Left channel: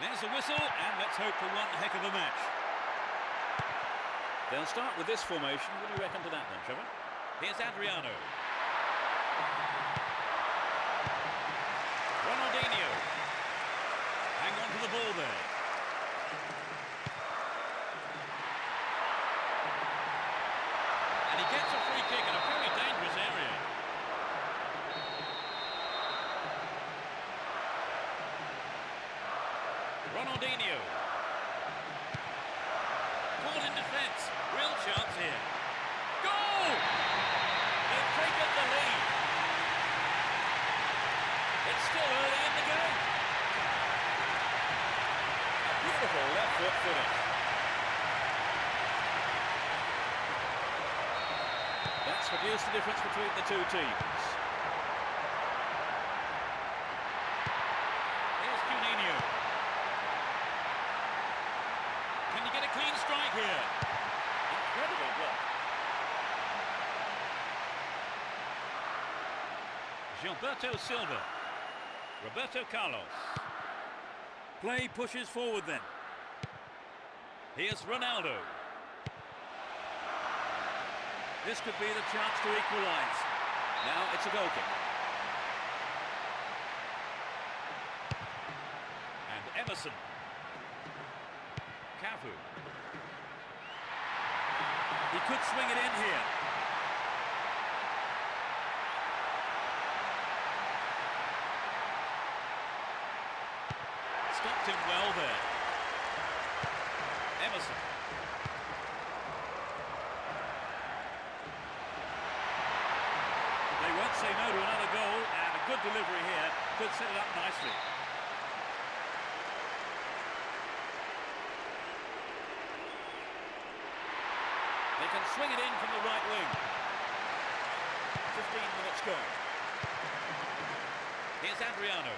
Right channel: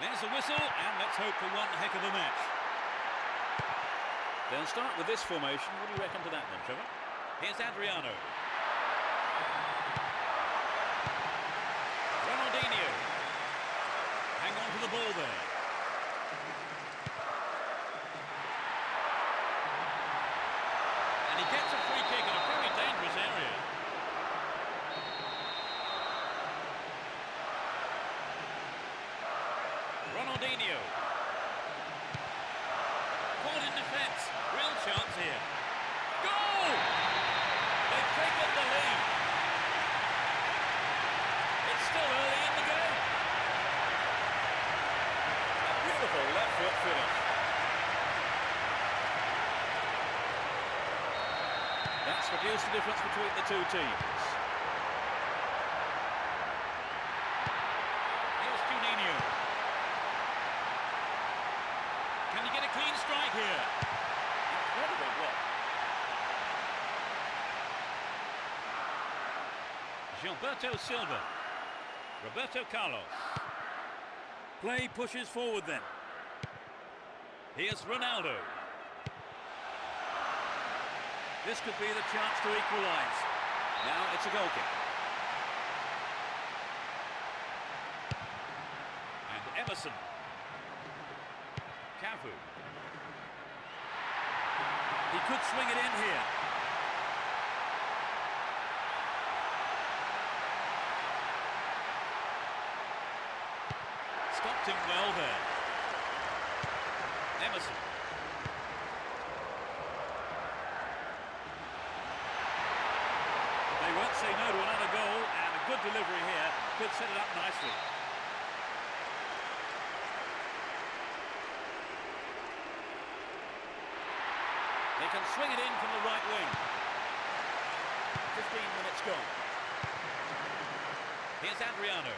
There's a whistle, and let's hope for one heck of a match. They'll start with this formation. What do you reckon to that then, Trevor? Here's Adriano. Ronaldinho. Hang on to the ball there. And he gets a free kick in a very dangerous area. Ronaldinho. Caught in defence. Real chance here. Goal! They've taken the lead. It's still early in the game. A beautiful left foot finish. That's reduced the difference between the two teams. Here's Juninho. Can you get a clean strike here? Incredible block. Gilberto Silva. Roberto Carlos. Play pushes forward then. Here's Ronaldo. This could be the chance to equalise. Now it's a goal kick. And Emerson. Cafu. He could swing it in here. Stopped him well there. Emerson. They won't say no to another goal, and a good delivery here could set it up nicely. They can swing it in from the right wing. 15 minutes gone. Here's Adriano.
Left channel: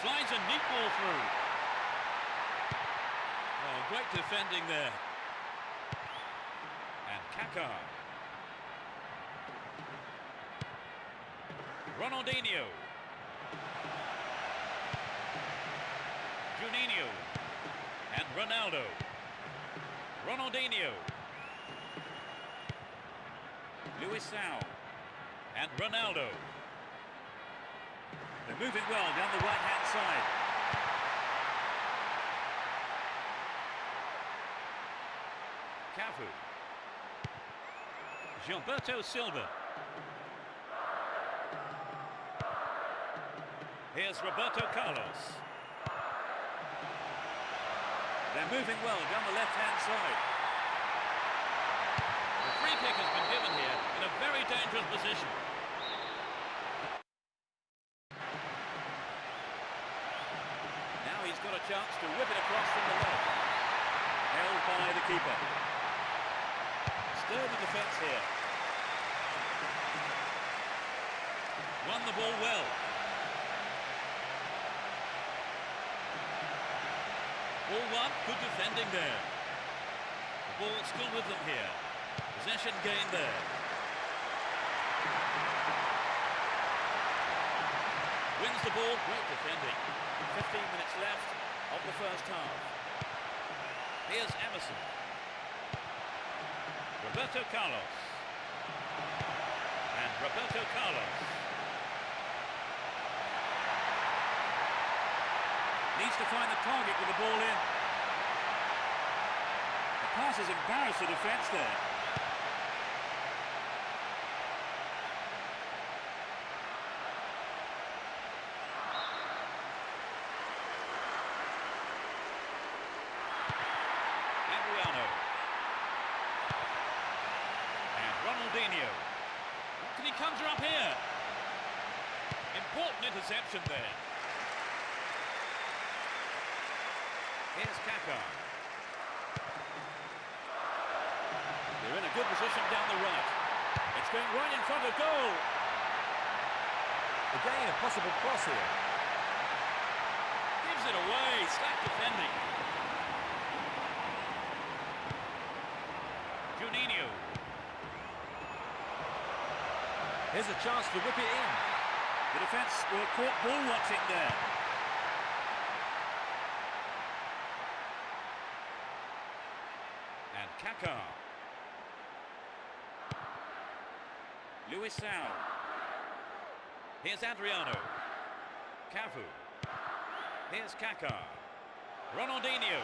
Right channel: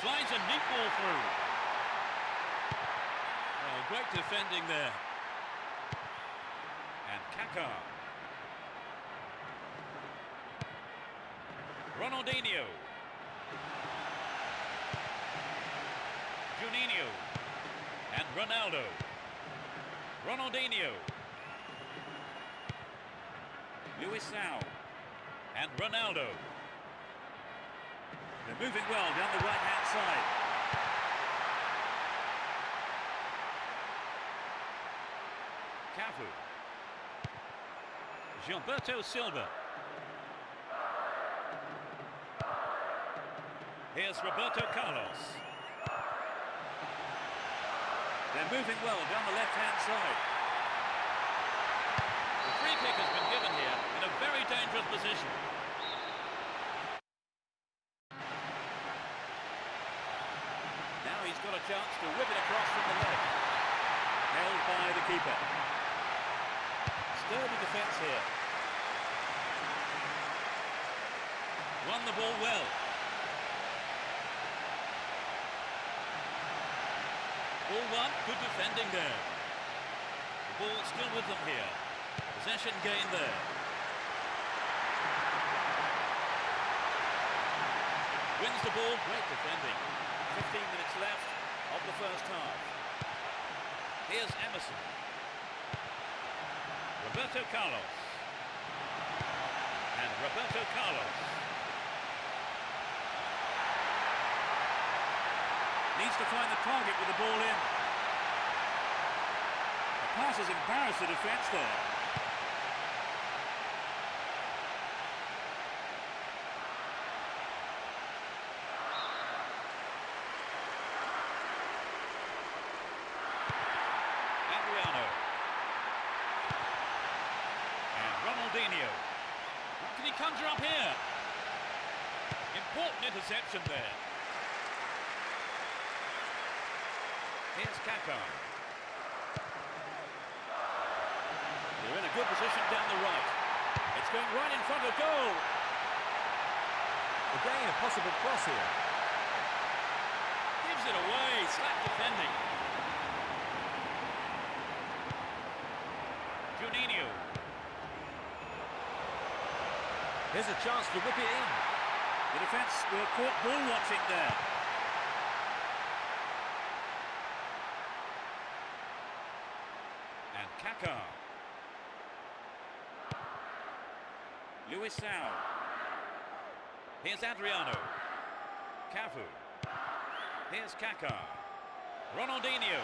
Slides a neat ball through. Oh, great defending there. And Kaká. Ronaldinho. Juninho. And Ronaldo. Ronaldinho. Luisao. And Ronaldo. They're moving well down the right-hand side. Cafu. Gilberto Silva. Here's Roberto Carlos. They're moving well down the left-hand side. The free kick has been given here in a very dangerous position. Now he's got a chance to whip it across from the left. Held by the keeper. Sturdy defence here. Won the ball well. Ball one, good defending there. The ball still with them here. Possession gain there. Wins the ball, great defending. 15 minutes left of the first half. Here's Emerson. Roberto Carlos. And Roberto Carlos. Needs to find the target with the ball in. The pass has embarrassed the defence there. Adriano. And Ronaldinho. What can he conjure up here? Important interception there. Here's Kaká. They're in a good position down the right. It's going right in front of goal. Again, a possible cross here. Gives it away. Slack defending. Juninho. Here's a chance to whip it in. The defence were caught ball watching there. And Kaká. Luisao. Here's Adriano. Cafu. Here's Kaká. Ronaldinho.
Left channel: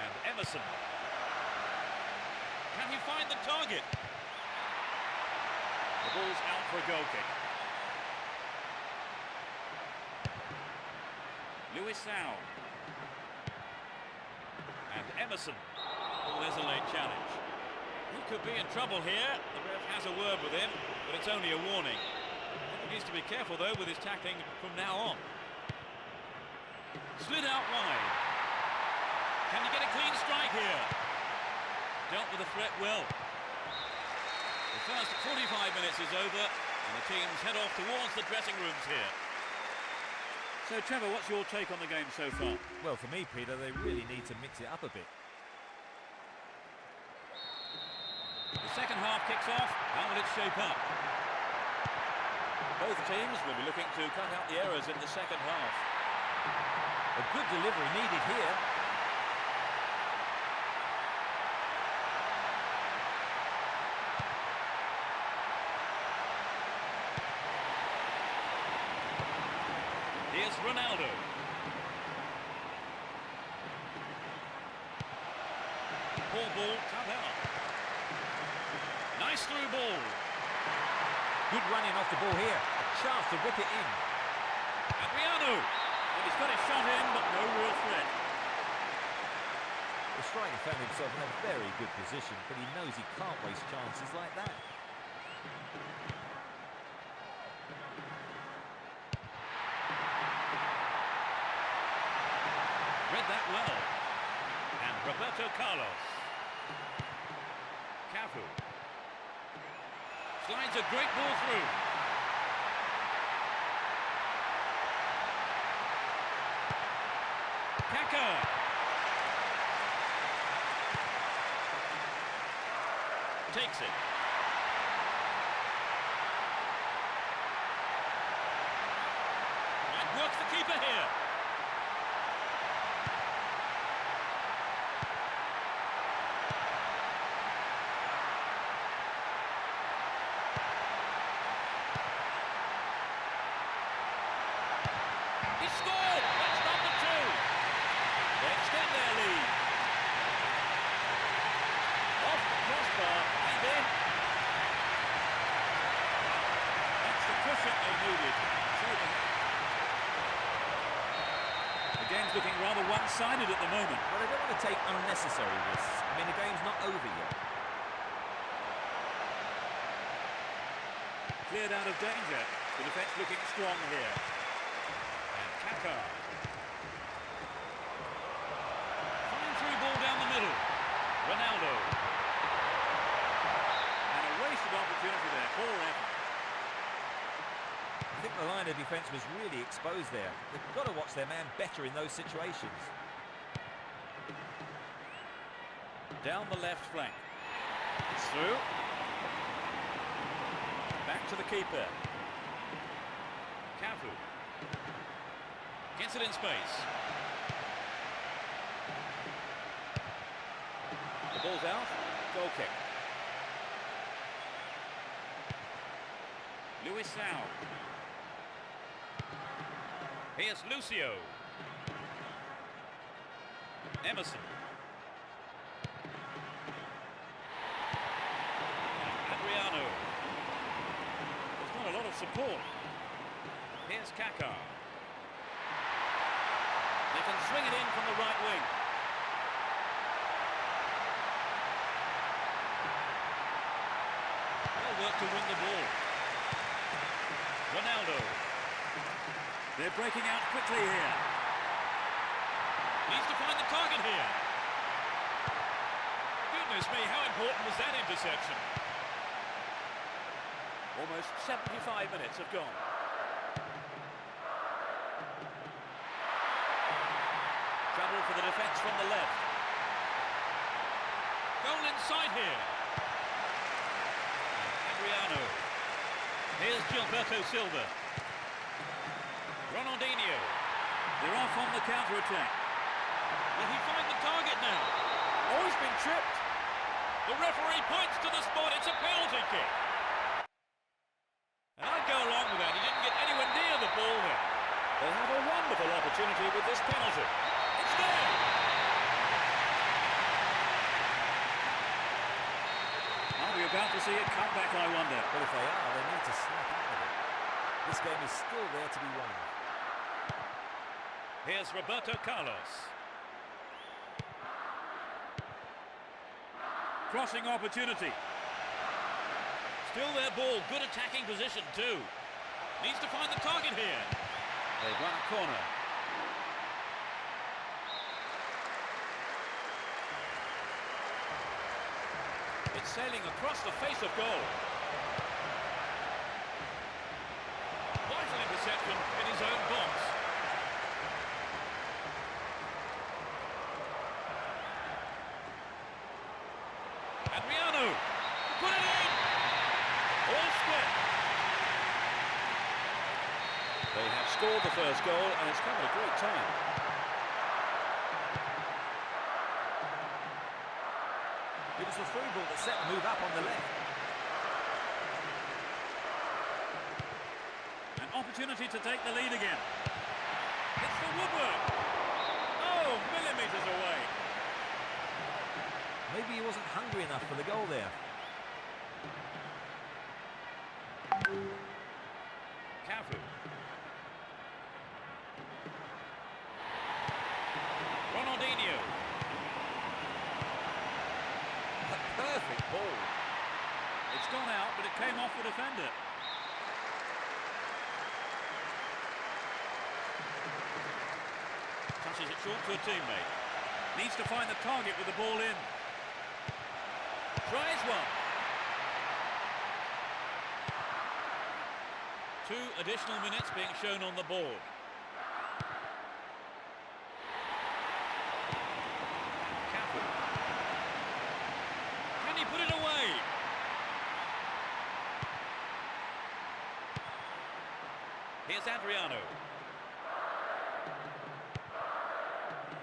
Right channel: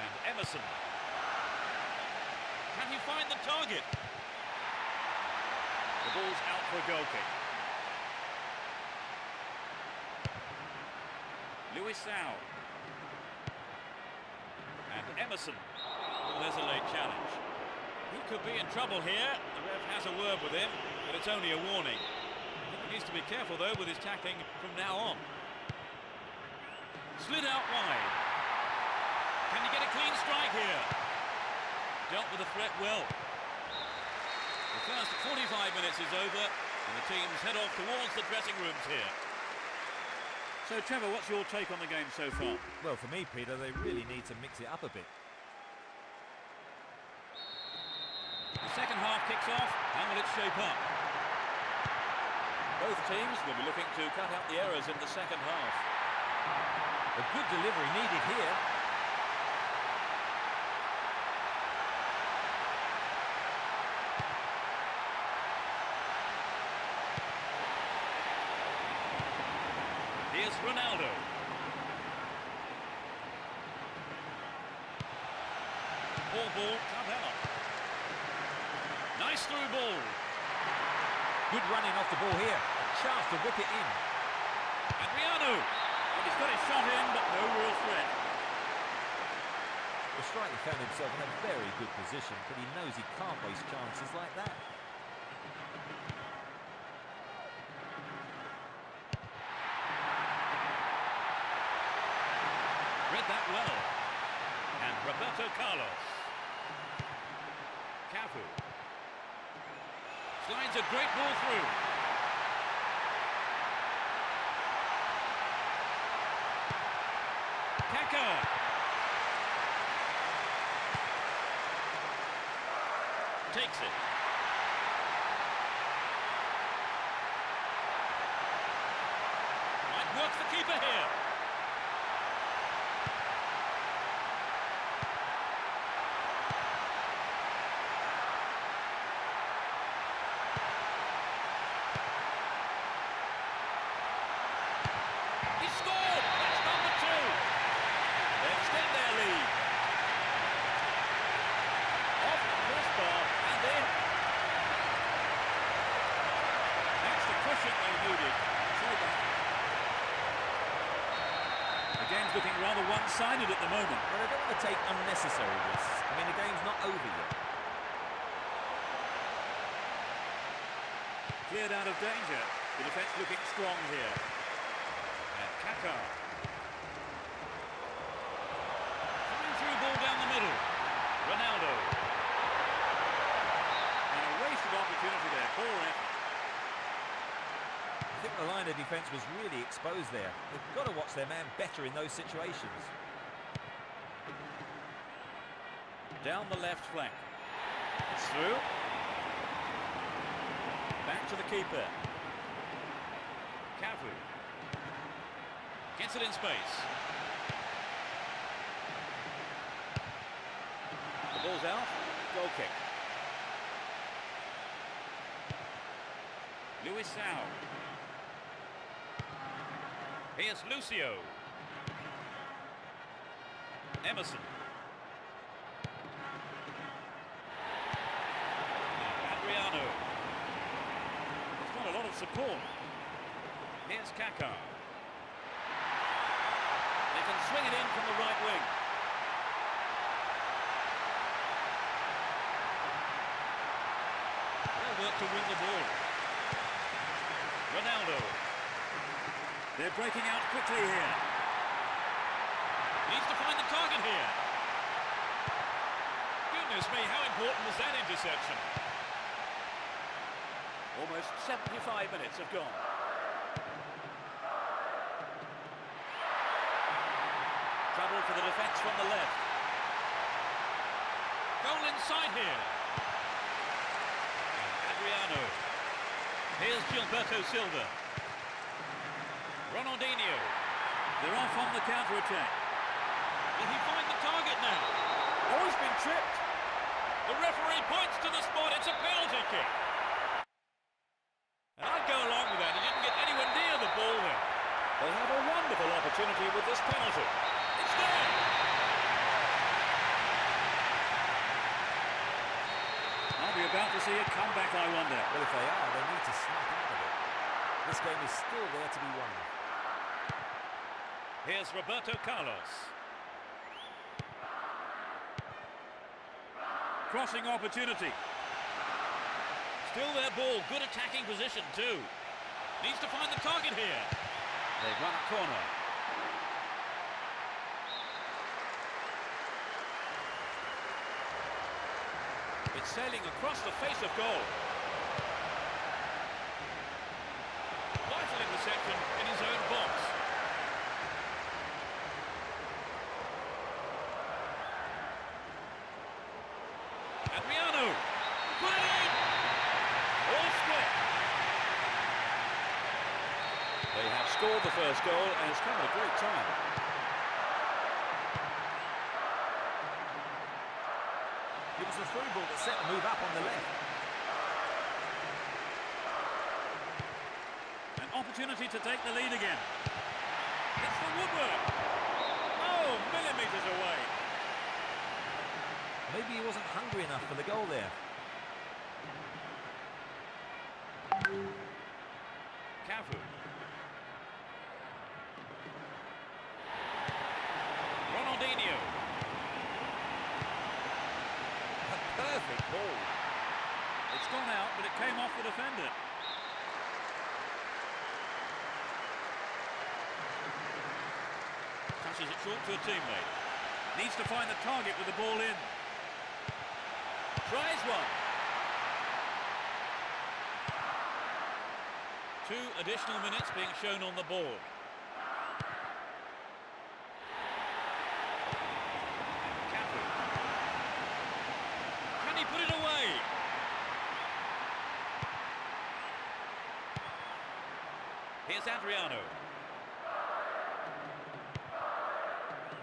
And Emerson. Can he find the target? The ball's out for a goal kick. Luisao. And Emerson. Oh, there's a late challenge. He could be in trouble here. The ref has a word with him, but it's only a warning. I think he needs to be careful, though, with his tackling from now on. Slid out wide. Can he get a clean strike here? Dealt with the threat well. The first 45 minutes is over, and the teams head off towards the dressing rooms here. So, Trevor, what's your take on the game so far? Well, for me, Peter, they really need to mix it up a bit. The second half kicks off. How will it shape up? Both teams will be looking to cut out the errors in the second half. A good delivery needed here. Here's Ronaldo. Poor ball, cut out. Nice through ball. Good running off the ball here. A chance to whip it in. Adriano. Well, he's got his shot in, but no real threat. The striker found himself in a very good position, but he knows he can't waste chances like that. Read that well. And Roberto Carlos. Cafu. Slides a great ball through. Kaká. Takes it. Might work the keeper here. He scored! That's number 2. They extend their lead. Off the crossbar and in. That's the cushion they needed. The game's looking rather one-sided at the moment. Well, they don't want to take unnecessary risks. I mean, the game's not over yet. Cleared out of danger. The defence looking strong here. And Kaká. Fine through ball down the middle. Ronaldo. And a wasted opportunity there. Poor effort. think the line of defence was really exposed there. They've got to watch their man better in those situations. Down the left flank. It's through. Back to the keeper. Cafu. Gets it in space. The ball's out. Goal kick. Luisao. Here's Lucio. Emerson. Now Adriano. There's not a lot of support. Here's Kaká. They can swing it in from the right wing. They'll work to win the ball. Ronaldo. They're breaking out quickly here. Needs to find the target here. Goodness me, how important was that interception? Almost 75 minutes have gone. Trouble for the defence from the left. Goal inside here. And Adriano. Here's Gilberto Silva. Ronaldinho. They're off on the counter-attack. Will he find the target now? Oh, he's been tripped. The referee points to the spot. It's a penalty kick. And I'd go along with that. He didn't get anywhere near the ball there. They have a wonderful opportunity with this penalty. It's there. Are we about to see a comeback, I wonder? Well, if they are, they need to snap out of it. This game is still there to be won. Here's Roberto Carlos. Crossing opportunity. Still their ball. Good attacking position too. Needs to find the target here. They've run a corner. It's sailing across the face of goal. Vital interception in his own box. Adriano. Put it in. All square. They have scored the first goal and it's come at a great time. It was the through ball that set the move up on the left. An opportunity to take the lead again. It's the woodwork. Oh, millimetres away. Maybe he wasn't hungry enough for the goal there. Cafu. Ronaldinho. A perfect ball. It's gone out, but it came off the defender. Touches it short to a teammate. Needs to find the target with the ball in. Tries one. 2 additional minutes being shown on the board. And Cafu. Can he put it away? Here's Adriano.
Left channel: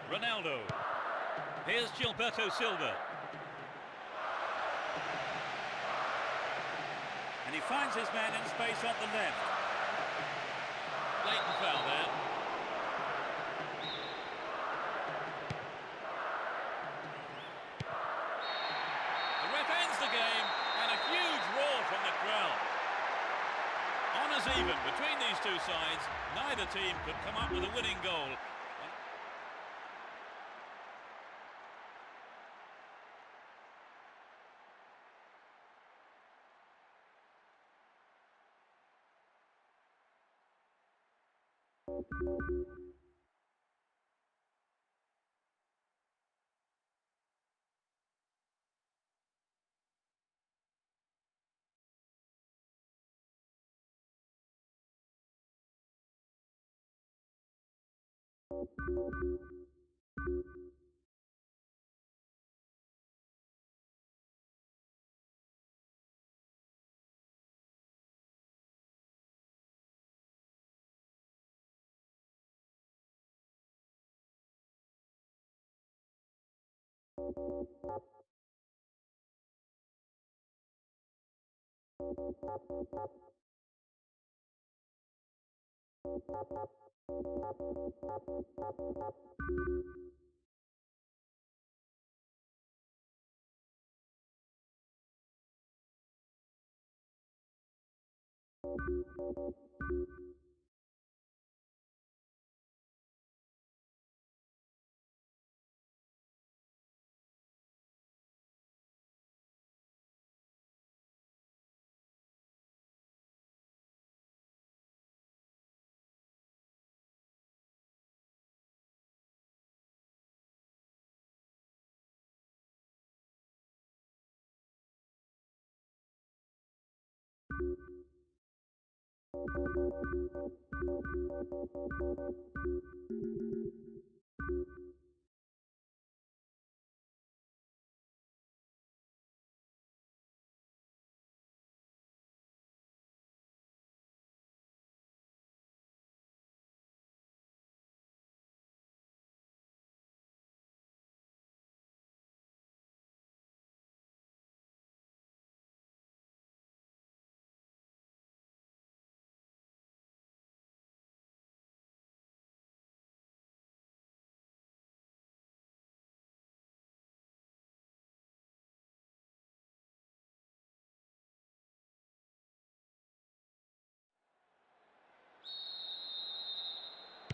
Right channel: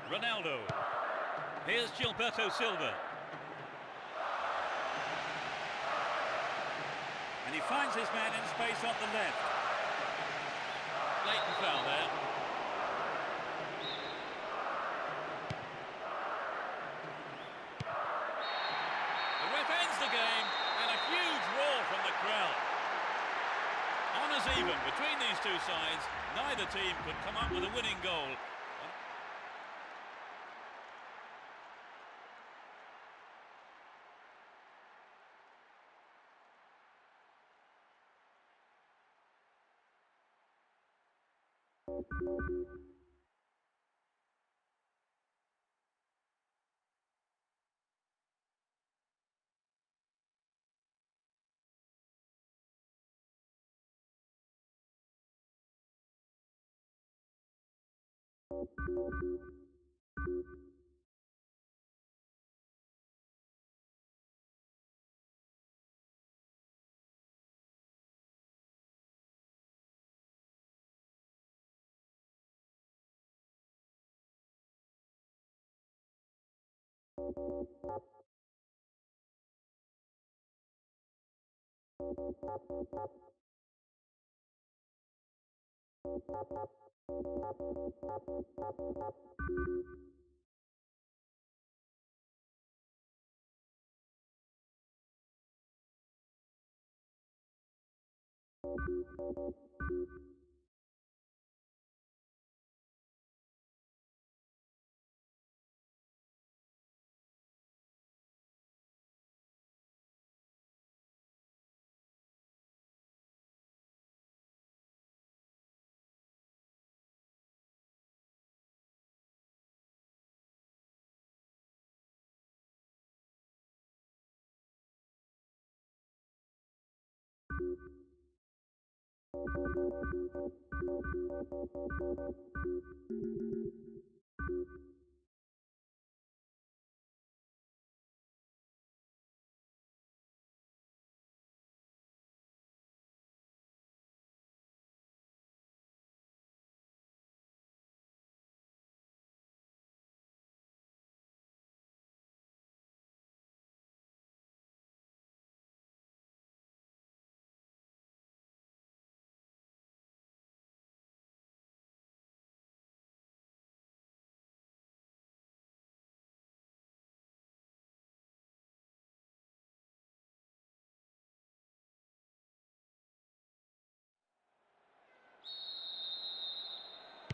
Ronaldo. Here's Gilberto Silva. And he finds his man in space on the left. Blatant foul there. The ref ends the game and a huge roar from the crowd. Honours even between these two sides. Neither team could come up with a winning goal.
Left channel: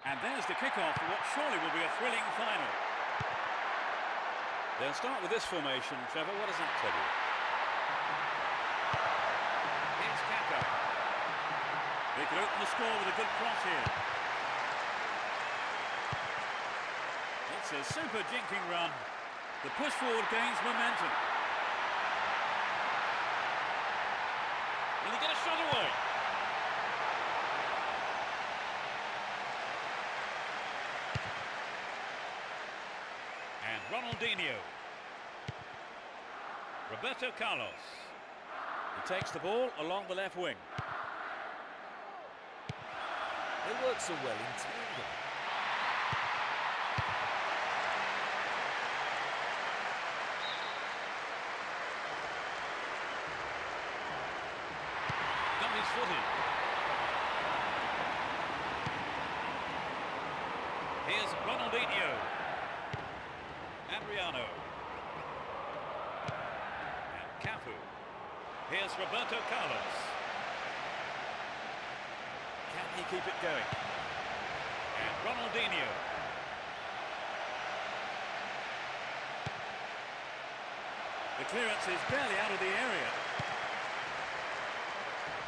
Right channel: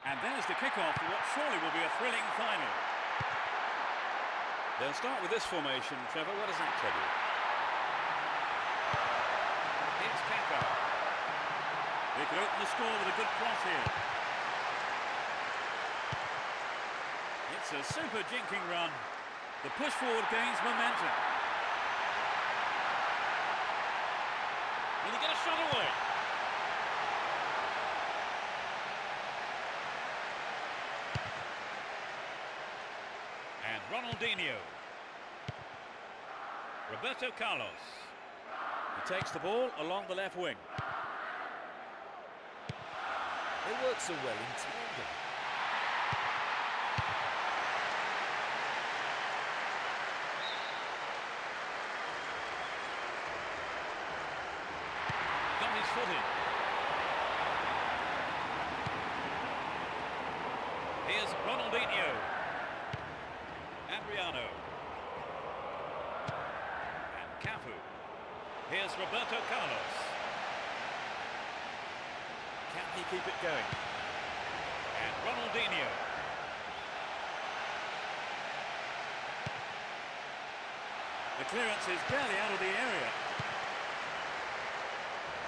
And there's the kick-off to what surely will be a thrilling final. They'll start with this formation. Trevor, what does that tell you? Here's Kaka. They could open the score with a good cross here. It's a super jinking run. The push forward gains momentum. Will he get a shot away? And Ronaldinho. Roberto Carlos. He takes the ball along the left wing. They work so well in tandem. Got his foot in. Here's Ronaldinho. Adriano. And Cafu. Here's Roberto Carlos. Can he keep it going? And Ronaldinho. The clearance is barely out of the area.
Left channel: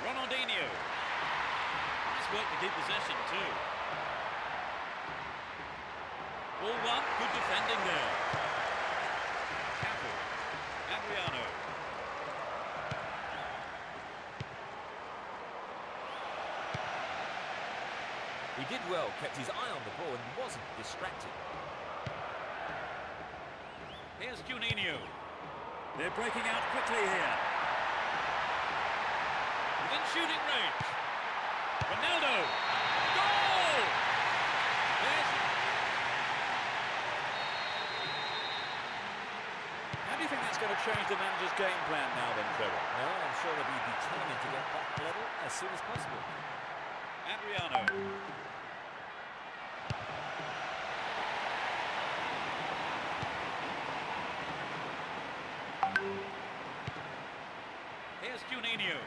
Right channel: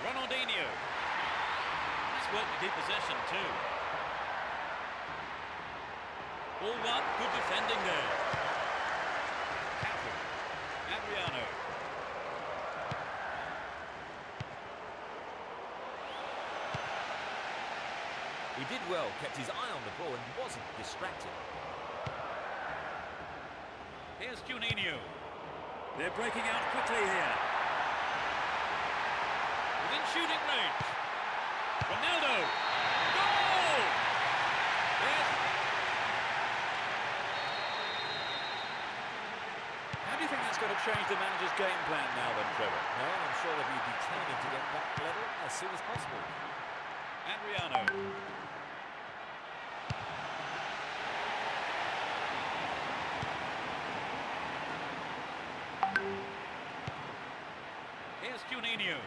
Ronaldinho. Nice work to keep possession too. All one, good defending there. Cafu. Adriano. He did well, kept his eye on the ball and wasn't distracted. Here's Juninho. They're breaking out quickly here. Within shooting range. Ronaldo. Goal! There's... How do you think that's going to change the manager's game plan now then, Trevor? No, I'm sure they'll be determined to get back level as soon as possible. Adriano. Here's Juninho.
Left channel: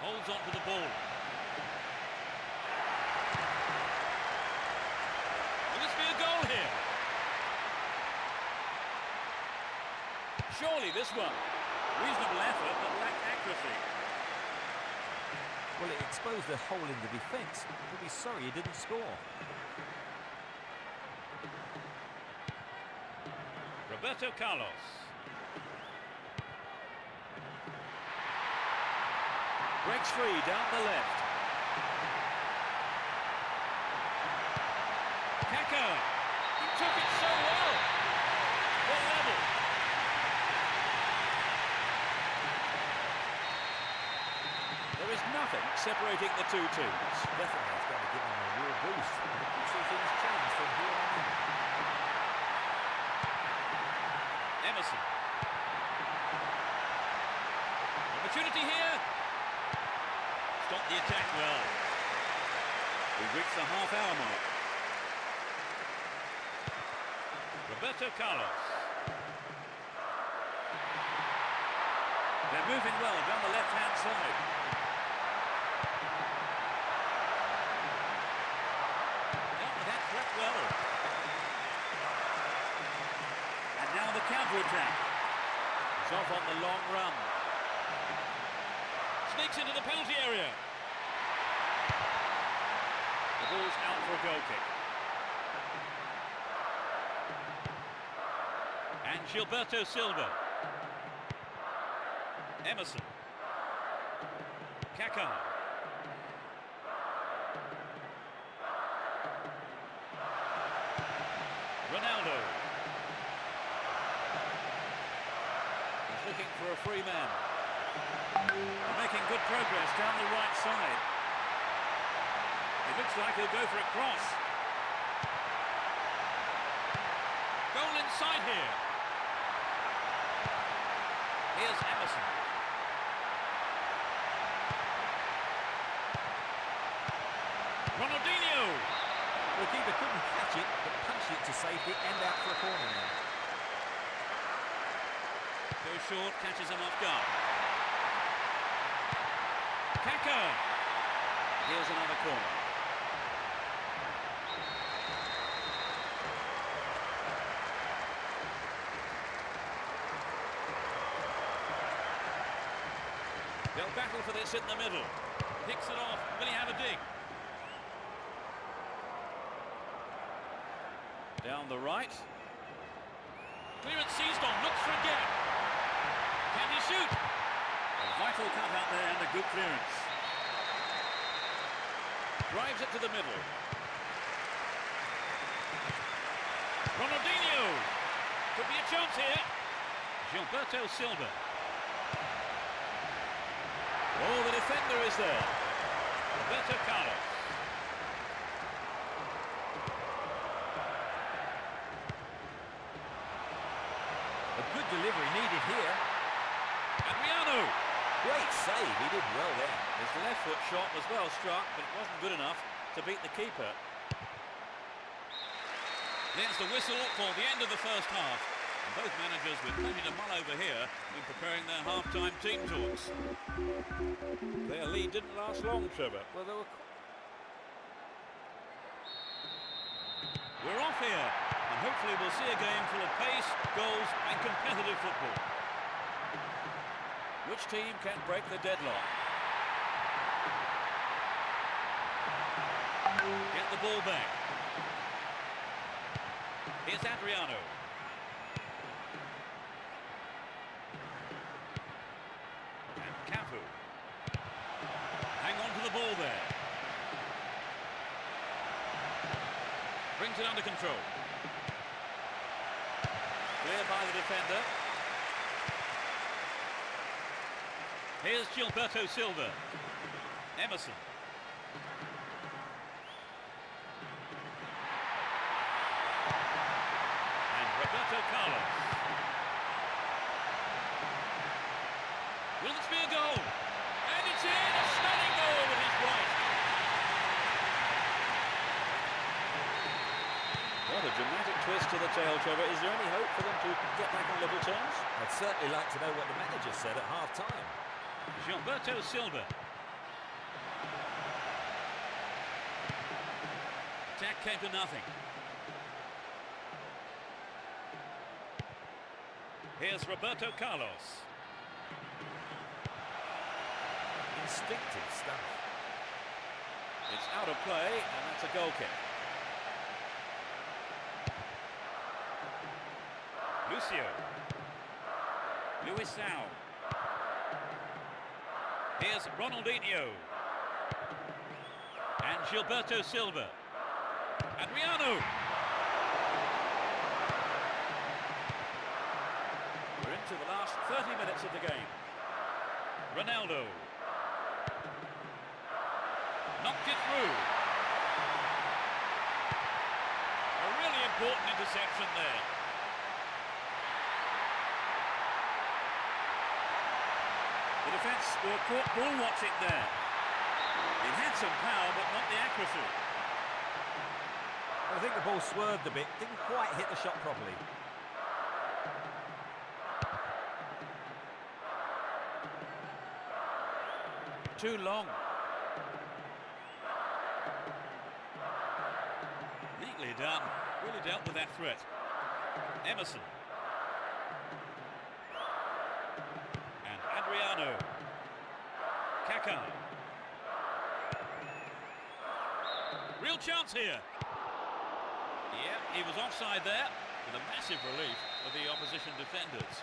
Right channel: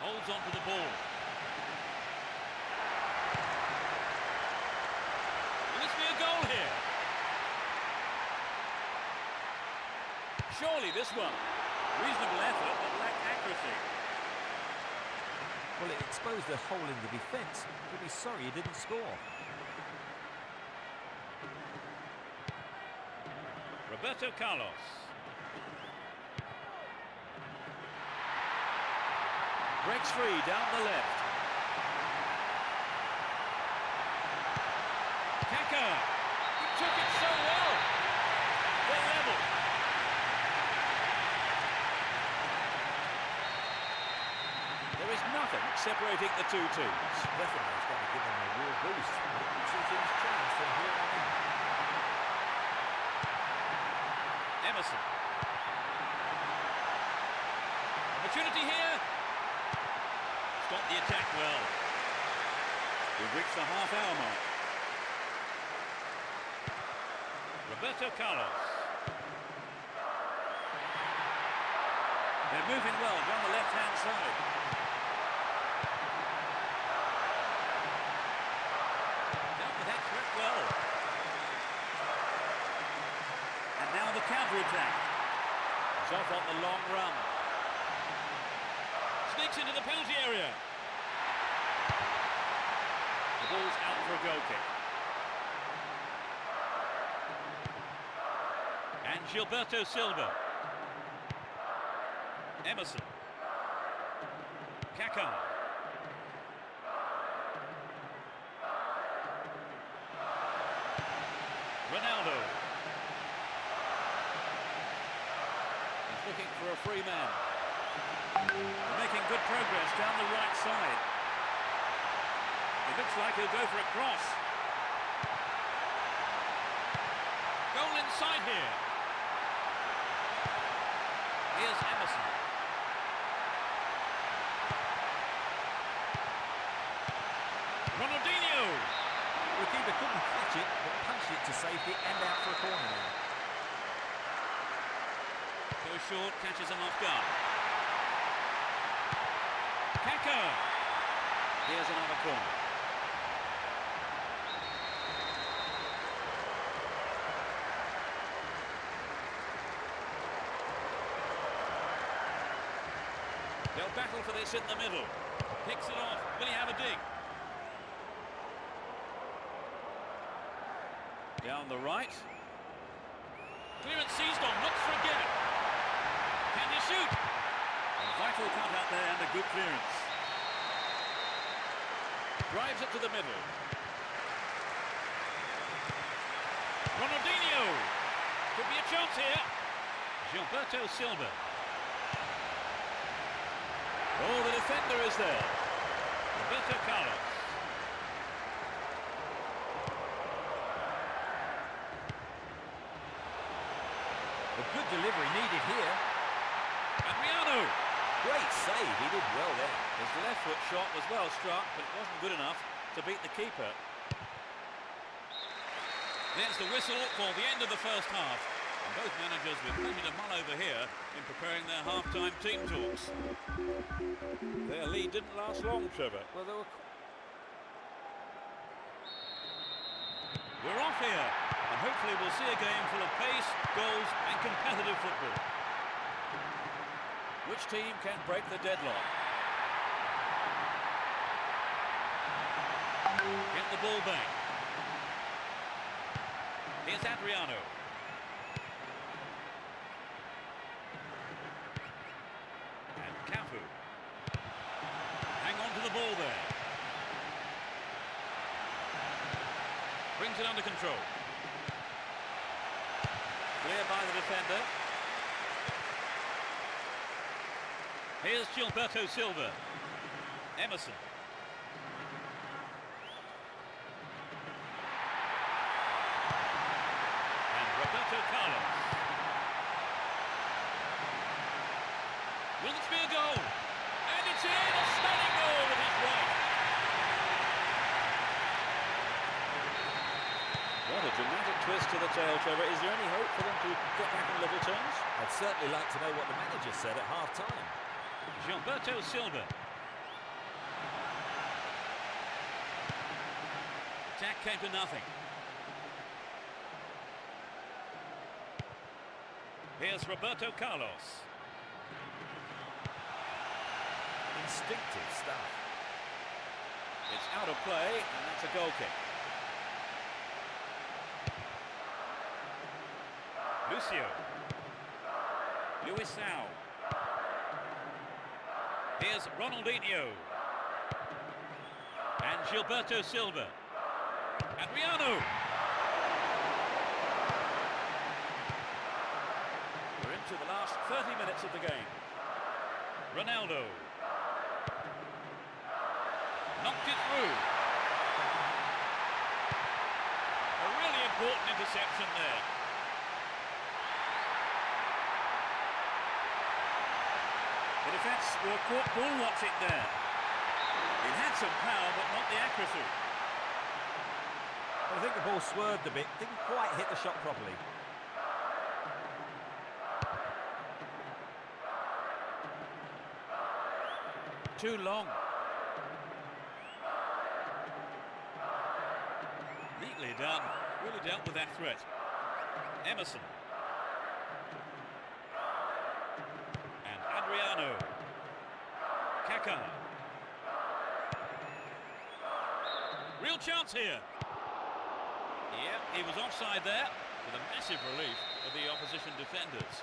Holds on to the ball. Will this be a goal here? Surely this one. Reasonable effort, but lacked accuracy. Well, it exposed a hole in the defence. He'll be sorry he didn't score. Roberto Carlos. Breaks free down the left. Kaka. He took it so well. They're level. There is nothing separating the two teams. Definitely, it's going to give them a real boost. And it could see things change from here on in. Emerson. Opportunity here. Stop the attack well. We've reached the half-hour mark. Roberto Carlos. They're moving well down the left-hand side. Dealt with that threat well. And now the counter-attack. He's off on the long run. Sneaks into the penalty area. The ball's out for a goal kick. And Gilberto Silva. Emerson. Kaka. Ronaldo. He's looking for a free man. They're making good progress down the right side. It looks like he'll go for a cross. Goal inside here. Here's Emerson. Ronaldinho. The keeper couldn't catch it, but punched it to safety and out for a corner now. Goes short, catches him off guard. Kaka. Here's another corner. They'll battle for this in the middle. Picks it off. Will he have a dig? Down the right. Clearance seized on. Looks for a gap. Can he shoot? A vital cut out there and a good clearance. Drives it to the middle. Ronaldinho. Could be a chance here. Gilberto Silva. Oh, the defender is there. Roberto Carlos. A good delivery needed here. Adriano. Great save, he did well there. His left foot shot was well struck, but it wasn't good enough to beat the keeper. There's the whistle for the end of the first half. And both managers with plenty to mull over here in preparing their half-time team talks. Their lead didn't last long, Trevor. Well, there were... We're off here, and hopefully we'll see a game full of pace, goals and competitive football. Which team can break the deadlock? Get the ball back. Here's Adriano. And Cafu. Hang on to the ball there. Brings it under control. Clear by the defender. Here's Gilberto Silva. Emerson. And Roberto Carlos. Will this be a goal? And it's in! A stunning goal with his right. What a dramatic twist to the tale, Trevor. Is there any hope for them to get back on level terms? I'd certainly like to know what the manager said at half-time. Gilberto Silva. Attack came to nothing. Here's Roberto Carlos. Instinctive stuff. It's out of play, and that's a goal kick. Lucio. Luisao. Here's Ronaldinho. And Gilberto Silva. Adriano. We're into the last 30 minutes of the game. Ronaldo. Knocked it through. A really important interception there. The defence were caught ball watching there. It had some power, but not the accuracy. I think the ball swerved a bit, didn't quite hit the shot properly. Too long. Neatly done. Really dealt with that threat. Emerson. And Adriano. Kaká. Real chance here. Yeah, he was offside there, with a massive relief of the opposition defenders.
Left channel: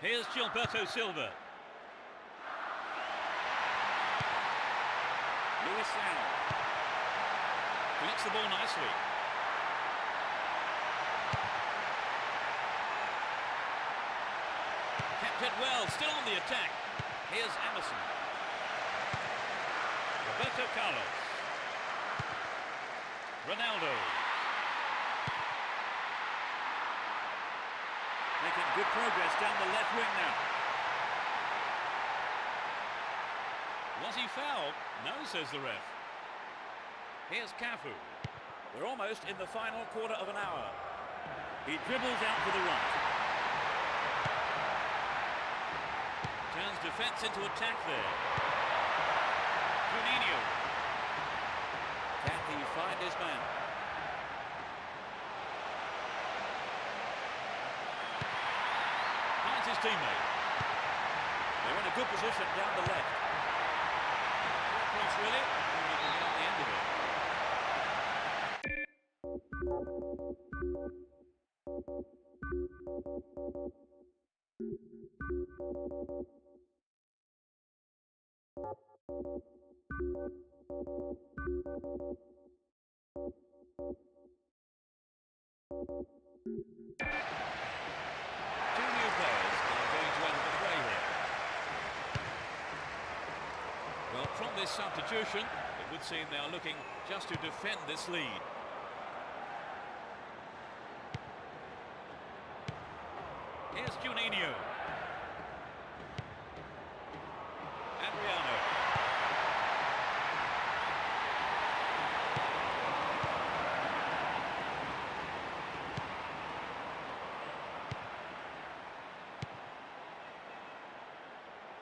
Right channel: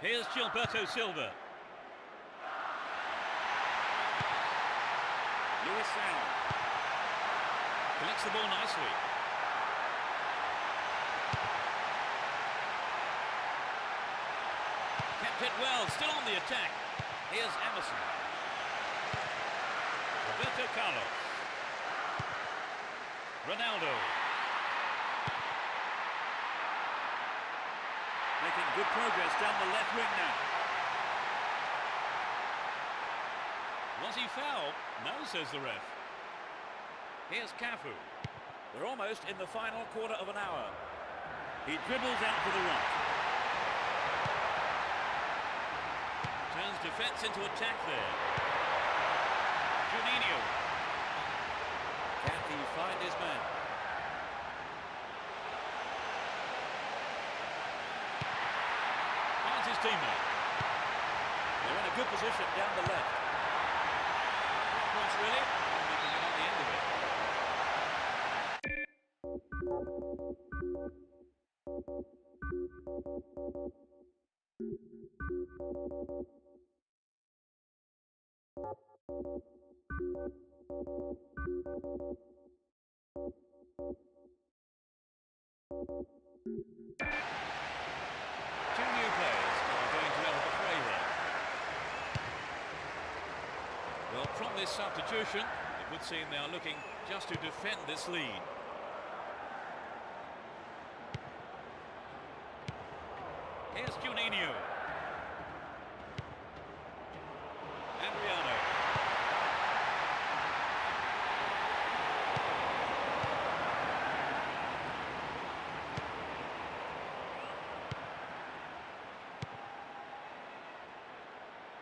Here's Gilberto Silva. Alisson collects the ball nicely. Kept it well, still on the attack. Here's Emerson. Roberto Carlos. Ronaldo. Making good progress down the left wing now. Was he fouled? No, says the ref. Here's Cafu. We're almost in the final quarter of an hour. He dribbles out to the right. Turns defence into attack there. Juninho. Can he find his man? Finds his teammate. They're in a good position down the left. Cross really, and he can get on the end of it. Two new players are going to enter the fray here. Well, from this substitution, it would seem they are looking just to defend this lead. Here's Juninho. Adriano.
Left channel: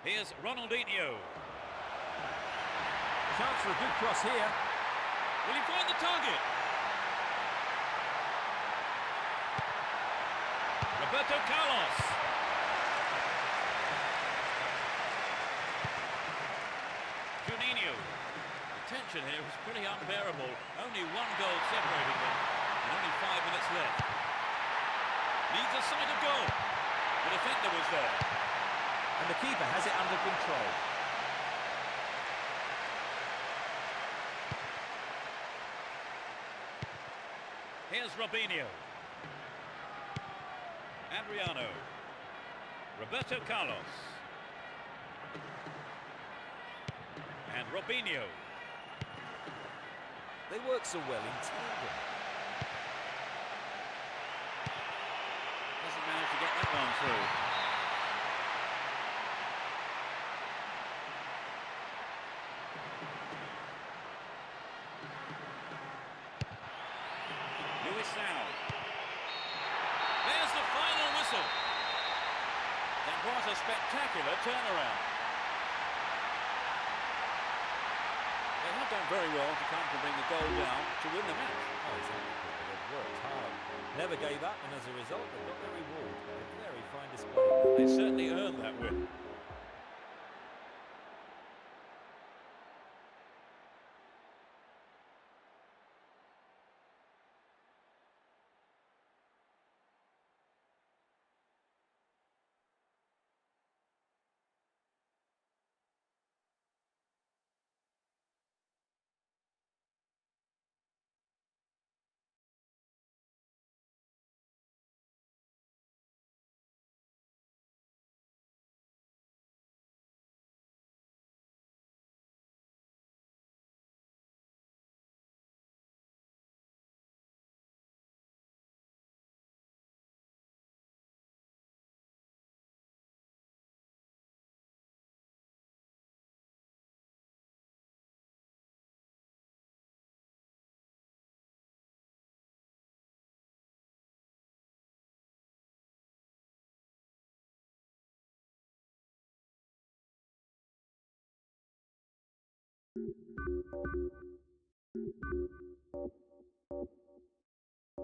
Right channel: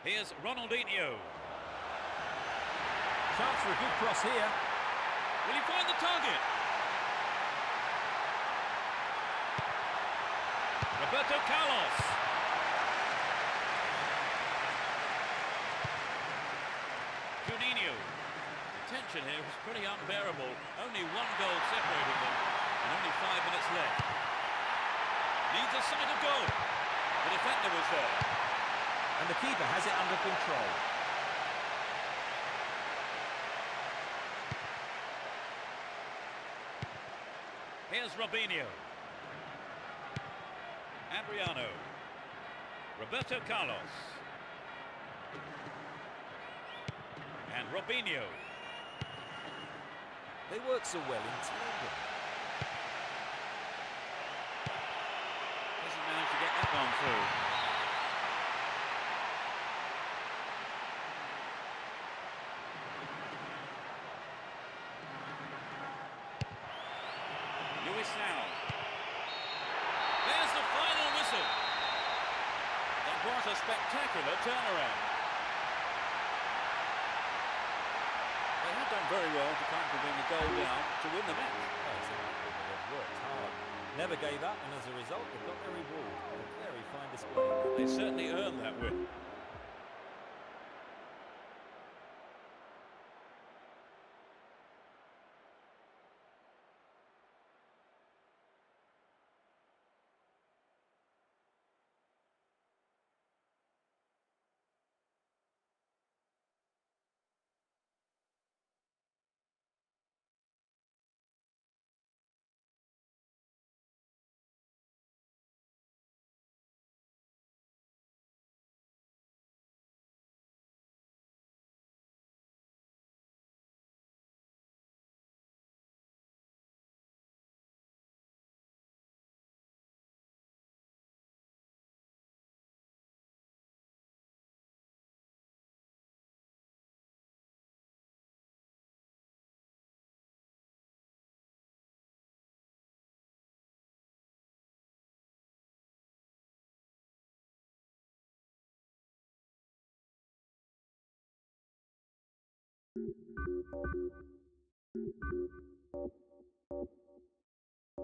Here's Ronaldinho. Chance for a good cross here. Will he find the target? Roberto Carlos. Juninho. The tension here was pretty unbearable. Only one goal separating them, and only 5 minutes left. Needs a sight of goal. The defender was there. And the keeper has it under control. Here's Robinho. Adriano. Roberto Carlos. And Robinho. They work so well in tandem. Doesn't manage to get that one through. There's the final whistle. That was a spectacular turnaround. They have done very well to come to bring the goal down to win the match. Oh, exactly. They've worked hard, never gave up, and as a result, they've got their reward. A very fine display. They certainly earned that win. you.